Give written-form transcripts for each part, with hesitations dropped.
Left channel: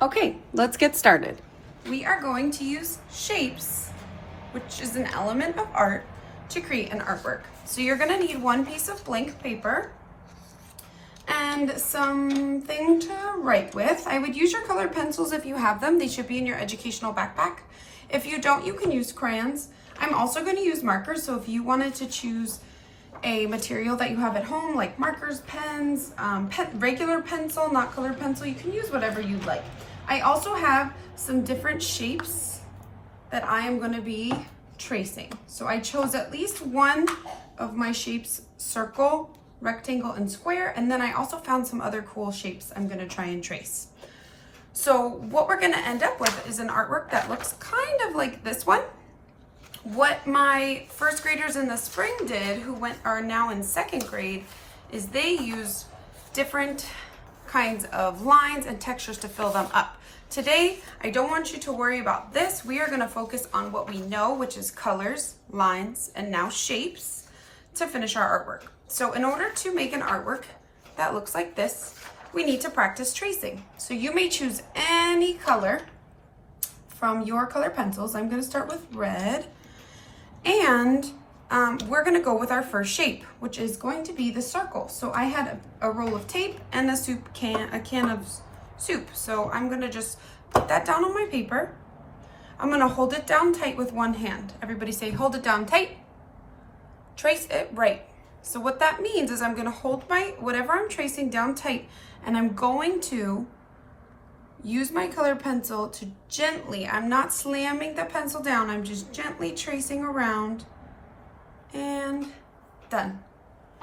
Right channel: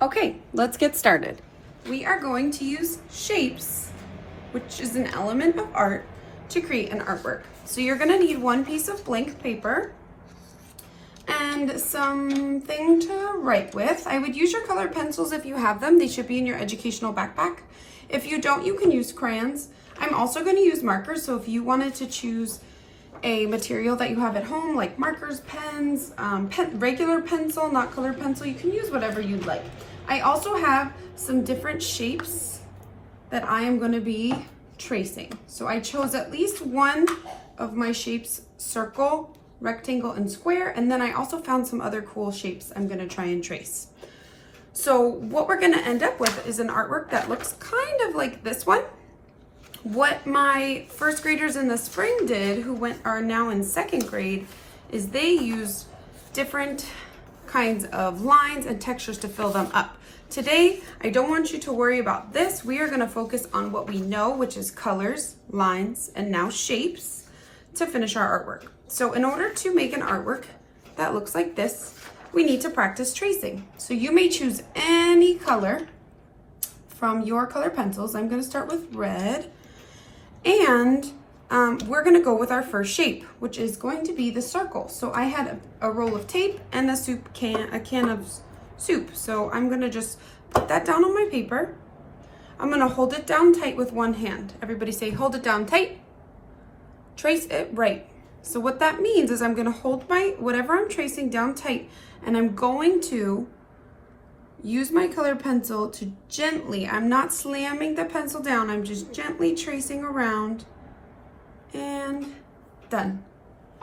Okay, let's get started. We are going to use shapes, which is an element of art, to create an artwork. So you're gonna need one piece of blank paper and something to write with. I would use your colored pencils if you have them. They should be in your educational backpack. If you don't, you can use crayons. I'm also gonna use markers, so if you wanted to choose a material that you have at home, like markers, pens, regular pencil, not colored pencil, you can use whatever you'd like. I also have some different shapes that I am going to be tracing. So I chose at least one of my shapes: circle, rectangle, and square. And then I also found some other cool shapes I'm going to try and trace. So what we're going to end up with is an artwork that looks kind of like this one. What my first graders in the spring did, who are now in second grade, is they used different kinds of lines and textures to fill them up. Today, I don't want you to worry about this. We are going to focus on what we know, which is colors, lines, and now shapes, to finish our artwork. So in order to make an artwork that looks like this, we need to practice tracing. So you may choose any color from your color pencils. I'm going to start with red. And we're gonna go with our first shape, which is going to be the circle. So I had a roll of tape and a can of soup. So I'm gonna just put that down on my paper. I'm gonna hold it down tight with one hand. Everybody say, hold it down tight. Trace it right. So what that means is I'm gonna hold whatever I'm tracing down tight, and I'm going to use my color pencil to gently, I'm not slamming the pencil down, I'm just gently tracing around, and done.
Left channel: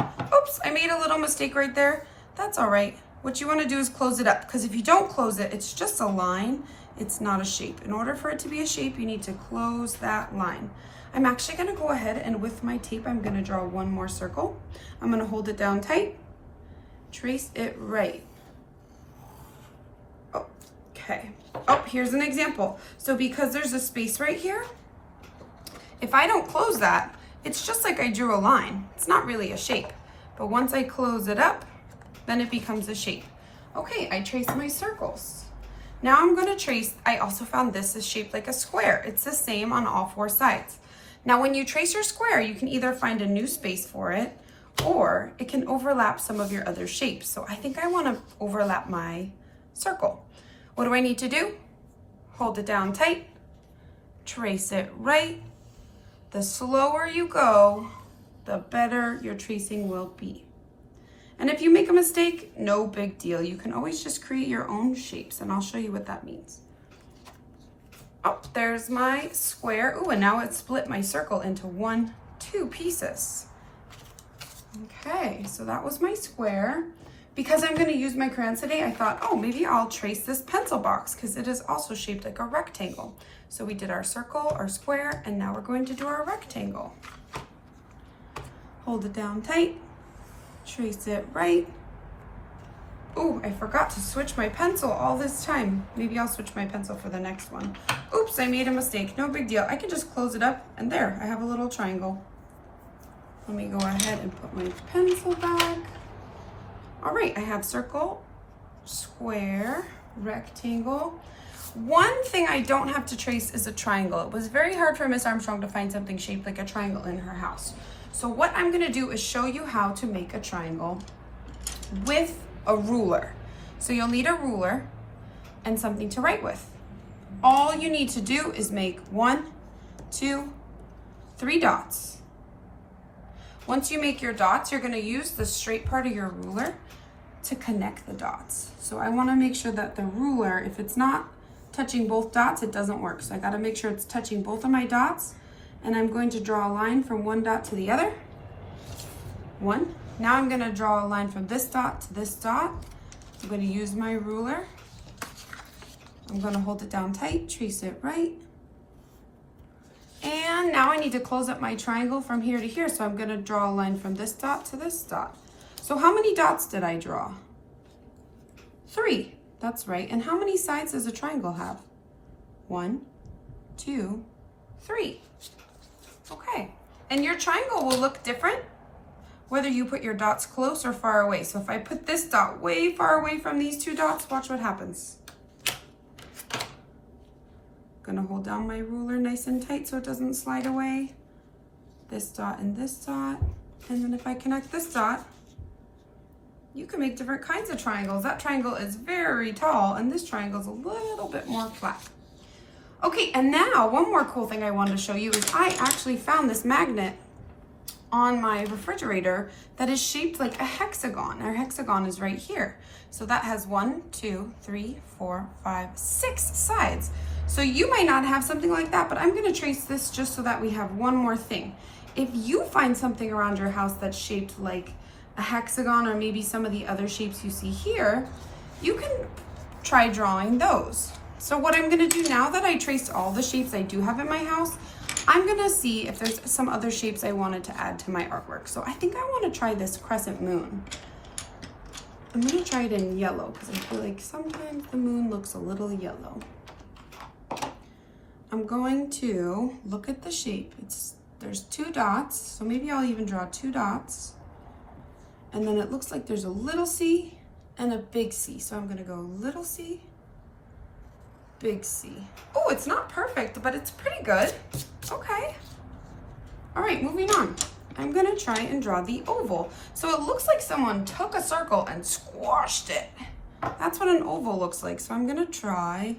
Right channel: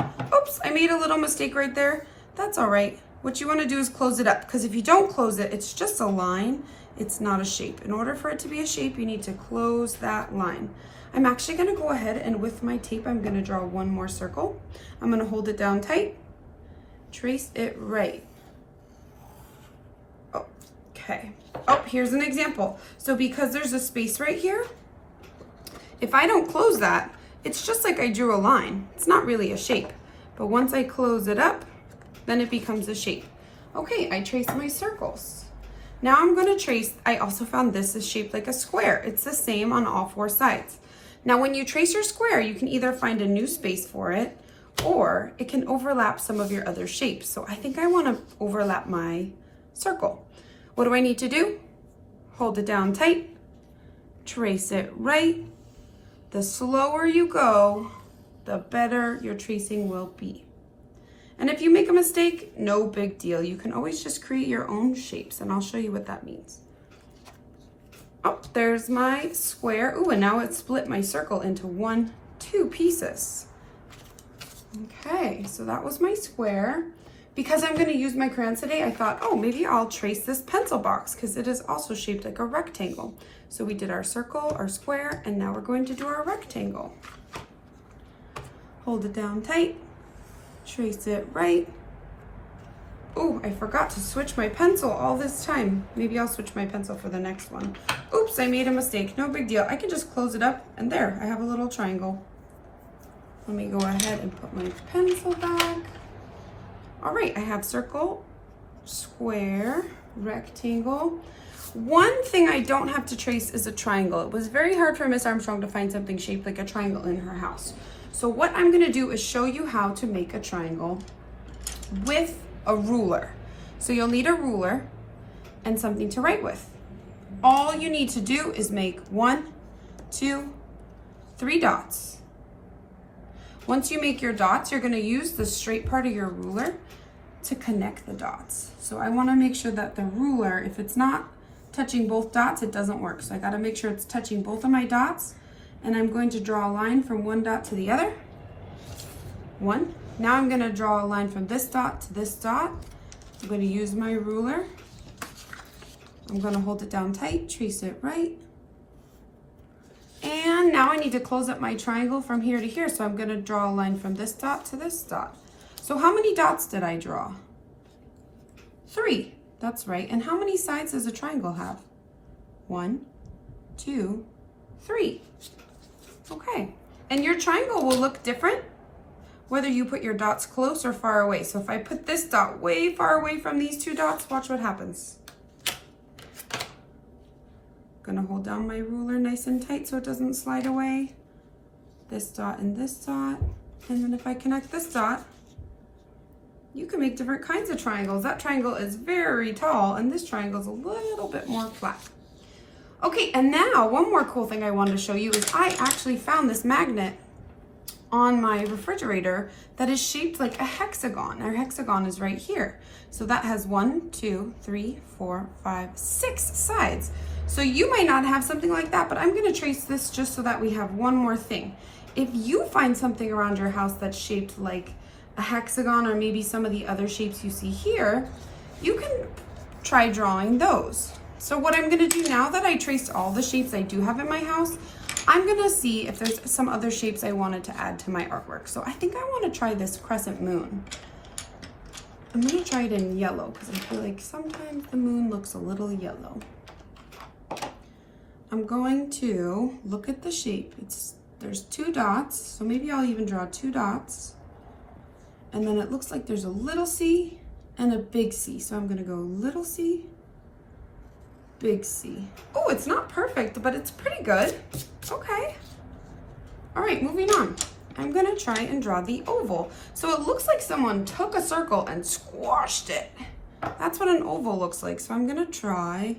Oops, I made a little mistake right there. That's all right. What you want to do is close it up, because if you don't close it, it's just a line. It's not a shape. In order for it to be a shape, you need to close that line. I'm actually going to go ahead and with my tape, I'm going to draw one more circle. I'm going to hold it down tight, trace it right. Okay. Oh, here's an example. So because there's a space right here, if I don't close that, it's just like I drew a line. It's not really a shape. But once I close it up, then it becomes a shape. Okay, I traced my circles. Now I'm going to trace, I also found this is shaped like a square. It's the same on all four sides. Now when you trace your square, you can either find a new space for it, or it can overlap some of your other shapes. So I think I want to overlap my circle. What do I need to do? Hold it down tight, trace it right. The slower you go, the better your tracing will be. And if you make a mistake, no big deal. You can always just create your own shapes, and I'll show you what that means. Oh, there's my square. Ooh, and now it split my circle into two pieces. Okay, so that was my square. Because I'm going to use my crayons today, I thought, oh, maybe I'll trace this pencil box, because it is also shaped like a rectangle. So we did our circle, our square, and now we're going to do our rectangle. Hold it down tight, trace it right. Oh, I forgot to switch my pencil all this time. Maybe I'll switch my pencil for the next one. Oops, I made a mistake. No big deal. I can just close it up, and there, I have a little triangle. Let me go ahead and put my pencil back. All right, I have circle, square, rectangle. One thing I don't have to trace is a triangle. It was very hard for Miss Armstrong to find something shaped like a triangle in her house. So what I'm gonna do is show you how to make a triangle with a ruler. So you'll need a ruler and something to write with. All you need to do is make 1, 2, 3 dots. Once you make your dots, you're gonna use the straight part of your ruler to connect the dots. So I wanna make sure that the ruler, if it's not touching both dots, it doesn't work. So I gotta make sure it's touching both of my dots, and I'm going to draw a line from one dot to the other. 1. Now I'm gonna draw a line from this dot to this dot. I'm gonna use my ruler. I'm gonna hold it down tight, trace it right. And now I need to close up my triangle from here to here. So I'm gonna draw a line from this dot to this dot. So how many dots did I draw? 3, that's right. And how many sides does a triangle have? 1, 2, 3. Okay, and your triangle will look different whether you put your dots close or far away. So if I put this dot way far away from these two dots, watch what happens. Gonna hold down my ruler nice and tight so it doesn't slide away. This dot and this dot. And then if I connect this dot, you can make different kinds of triangles. That triangle is very tall and this triangle is a little bit more flat. Okay, and now one more cool thing I wanted to show you is I actually found this magnet on my refrigerator that is shaped like a hexagon. Our hexagon is right here. So that has 1, 2, 3, 4, 5, 6 sides. So you might not have something like that, but I'm gonna trace this just so that we have one more thing. If you find something around your house that's shaped like a hexagon or maybe some of the other shapes you see here, you can try drawing those. So what I'm gonna do now that I traced all the shapes I do have in my house, I'm gonna see if there's some other shapes I wanted to add to my artwork. So I think I wanna try this crescent moon. I'm gonna try it in yellow because I feel like sometimes the moon looks a little yellow. I'm going to look at the shape. There's 2 dots, so maybe I'll even draw 2 dots. And then it looks like there's a little C and a big C. So I'm gonna go little C, big C. Oh, it's not perfect, but it's pretty good. Okay. All right, moving on. I'm gonna try and draw the oval. So it looks like someone took a circle and squashed it. That's what an oval looks like. So I'm gonna try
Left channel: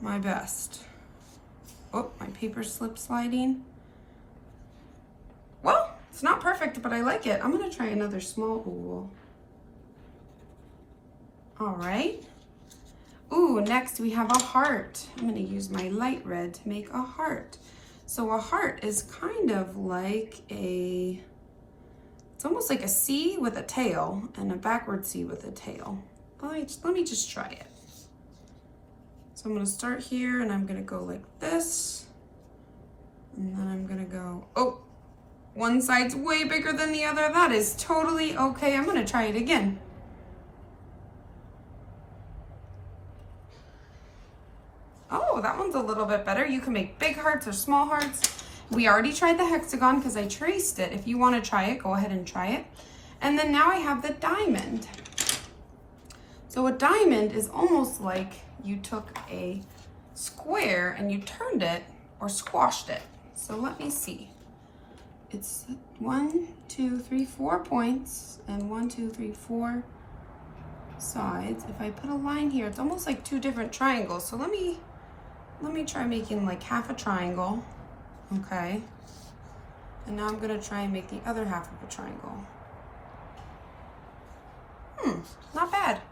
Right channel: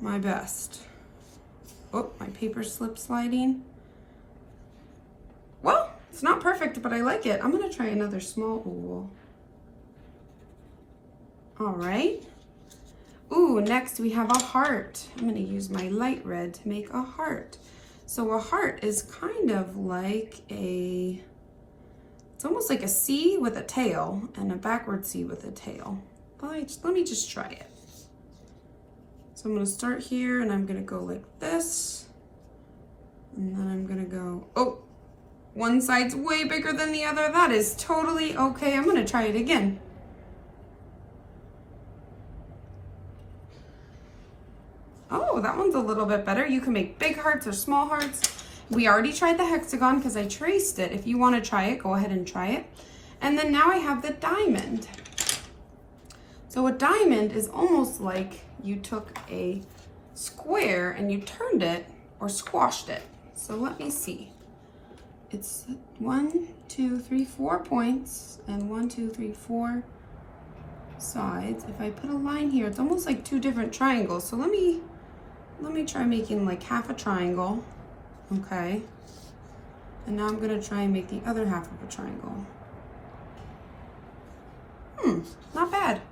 my best. Oh, my paper slip sliding. Well, it's not perfect, but I like it. I'm gonna try another small oval. All right. Ooh, next we have a heart. I'm gonna use my light red to make a heart. So a heart is kind of like it's almost like a C with a tail and a backward C with a tail. Let me just try it. So I'm gonna start here and I'm gonna go like this. And then I'm gonna go, oh, one side's way bigger than the other. That is totally okay. I'm gonna try it again. Oh, that one's a little bit better. You can make big hearts or small hearts. We already tried the hexagon because I traced it. If you want to try it, go ahead and try it. And then now I have the diamond. So a diamond is almost like you took a square and you turned it or squashed it. So let me see. It's 1, 2, 3, 4 points and 1, 2, 3, 4 sides. If I put a line here, it's almost like 2 different triangles. So let me try making like half a triangle. Okay. And now I'm gonna try and make the other half of a triangle. Not bad.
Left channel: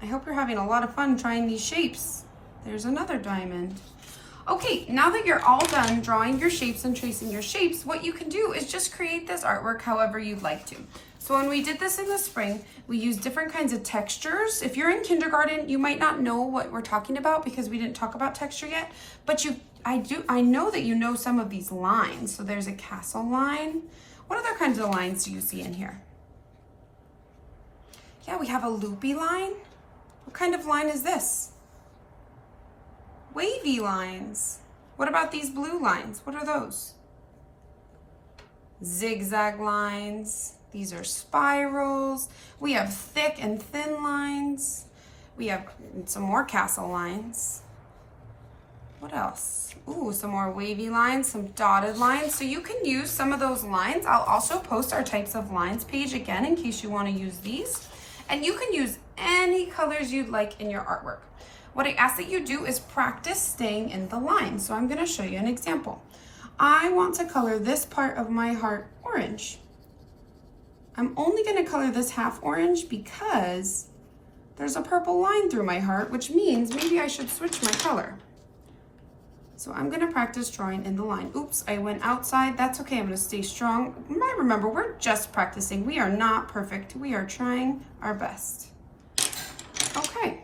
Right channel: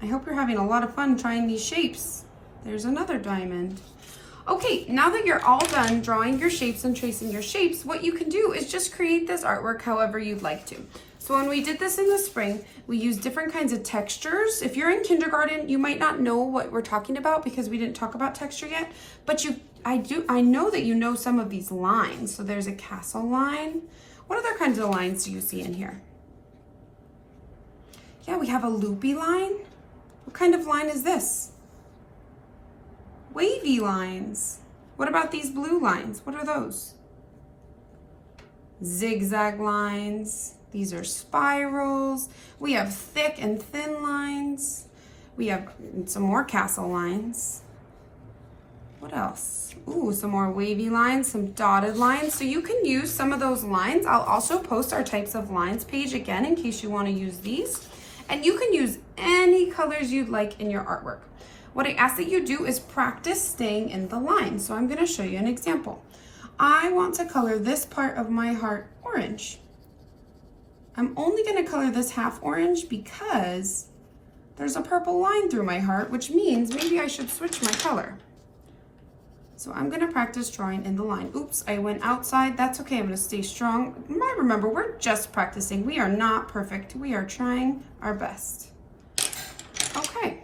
I hope you're having a lot of fun trying these shapes. There's another diamond. Okay, now that you're all done drawing your shapes and tracing your shapes, what you can do is just create this artwork however you'd like to. So when we did this in the spring, we used different kinds of textures. If you're in kindergarten, you might not know what we're talking about because we didn't talk about texture yet, but I know that you know some of these lines. So there's a castle line. What other kinds of lines do you see in here? Yeah, we have a loopy line. What kind of line is this? Wavy lines. What about these blue lines? What are those? Zigzag lines. These are spirals. We have thick and thin lines. We have some more castle lines. What else? Ooh, some more wavy lines, some dotted lines. So you can use some of those lines. I'll also post our types of lines page again in case you want to use these. And you can use any colors you'd like in your artwork. What I ask that you do is practice staying in the line. So I'm going to show you an example. I want to color this part of my heart orange. I'm only going to color this half orange because there's a purple line through my heart, which means maybe I should switch my color. So I'm going to practice drawing in the line. Oops, I went outside. That's okay. I'm going to stay strong. Remember, we're just practicing. We are not perfect. We are trying our best. Okay.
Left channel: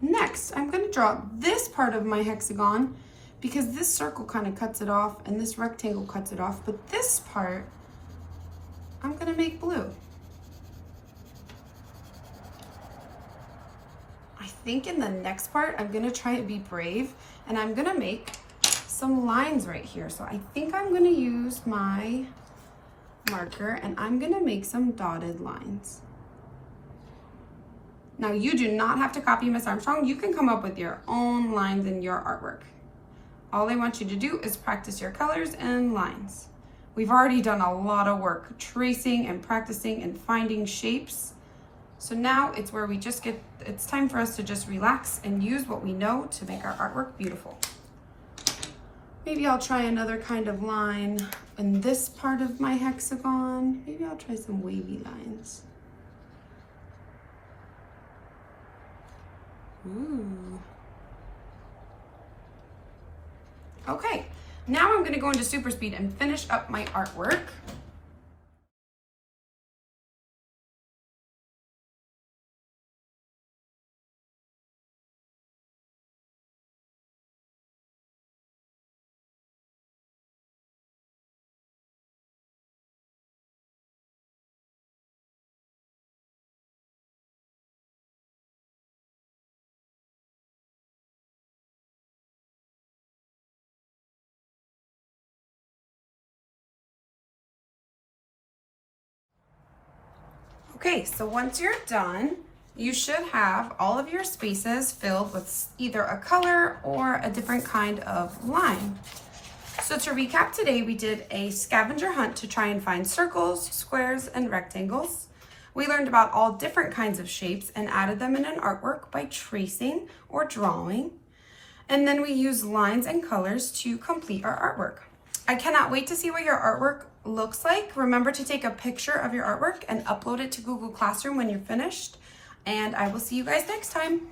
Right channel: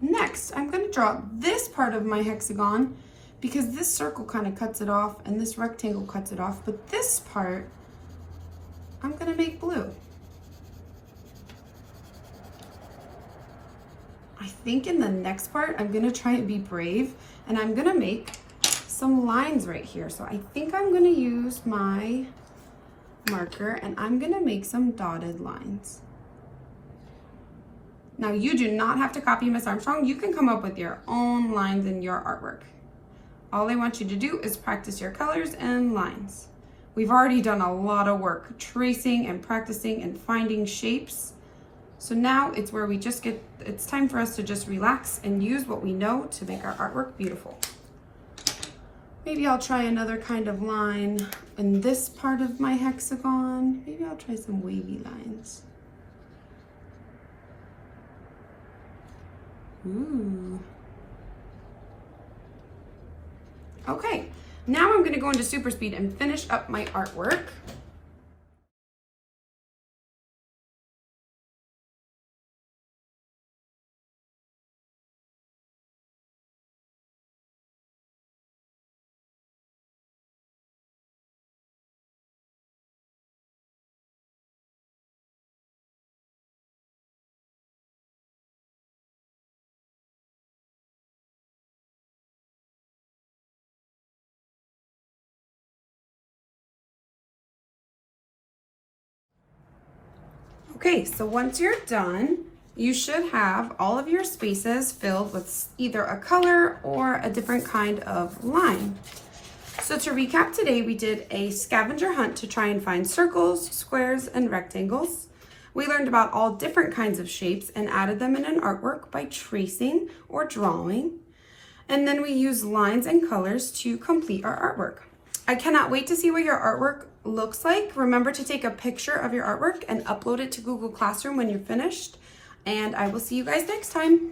Next, I'm going to draw this part of my hexagon because this circle kind of cuts it off and this rectangle cuts it off. But this part, I'm going to make blue. I think in the next part, I'm going to try and be brave and I'm going to make some lines right here. So I think I'm going to use my marker and I'm going to make some dotted lines. Now you do not have to copy Miss Armstrong. You can come up with your own lines in your artwork. All I want you to do is practice your colors and lines. We've already done a lot of work tracing and practicing and finding shapes. So now it's where it's time for us to just relax and use what we know to make our artwork beautiful. Maybe I'll try another kind of line in this part of my hexagon. Maybe I'll try some wavy lines. Okay, now I'm gonna go into super speed and finish up my artwork. Okay, so once you're done, you should have all of your spaces filled with either a color or a different kind of line. So to recap today, we did a scavenger hunt to try and find circles, squares, and rectangles. We learned about all different kinds of shapes and added them in an artwork by tracing or drawing. And then we used lines and colors to complete our artwork. I cannot wait to see what your artwork looks like. Remember to take a picture of your artwork and upload it to Google Classroom when you're finished. And I will see you guys next time.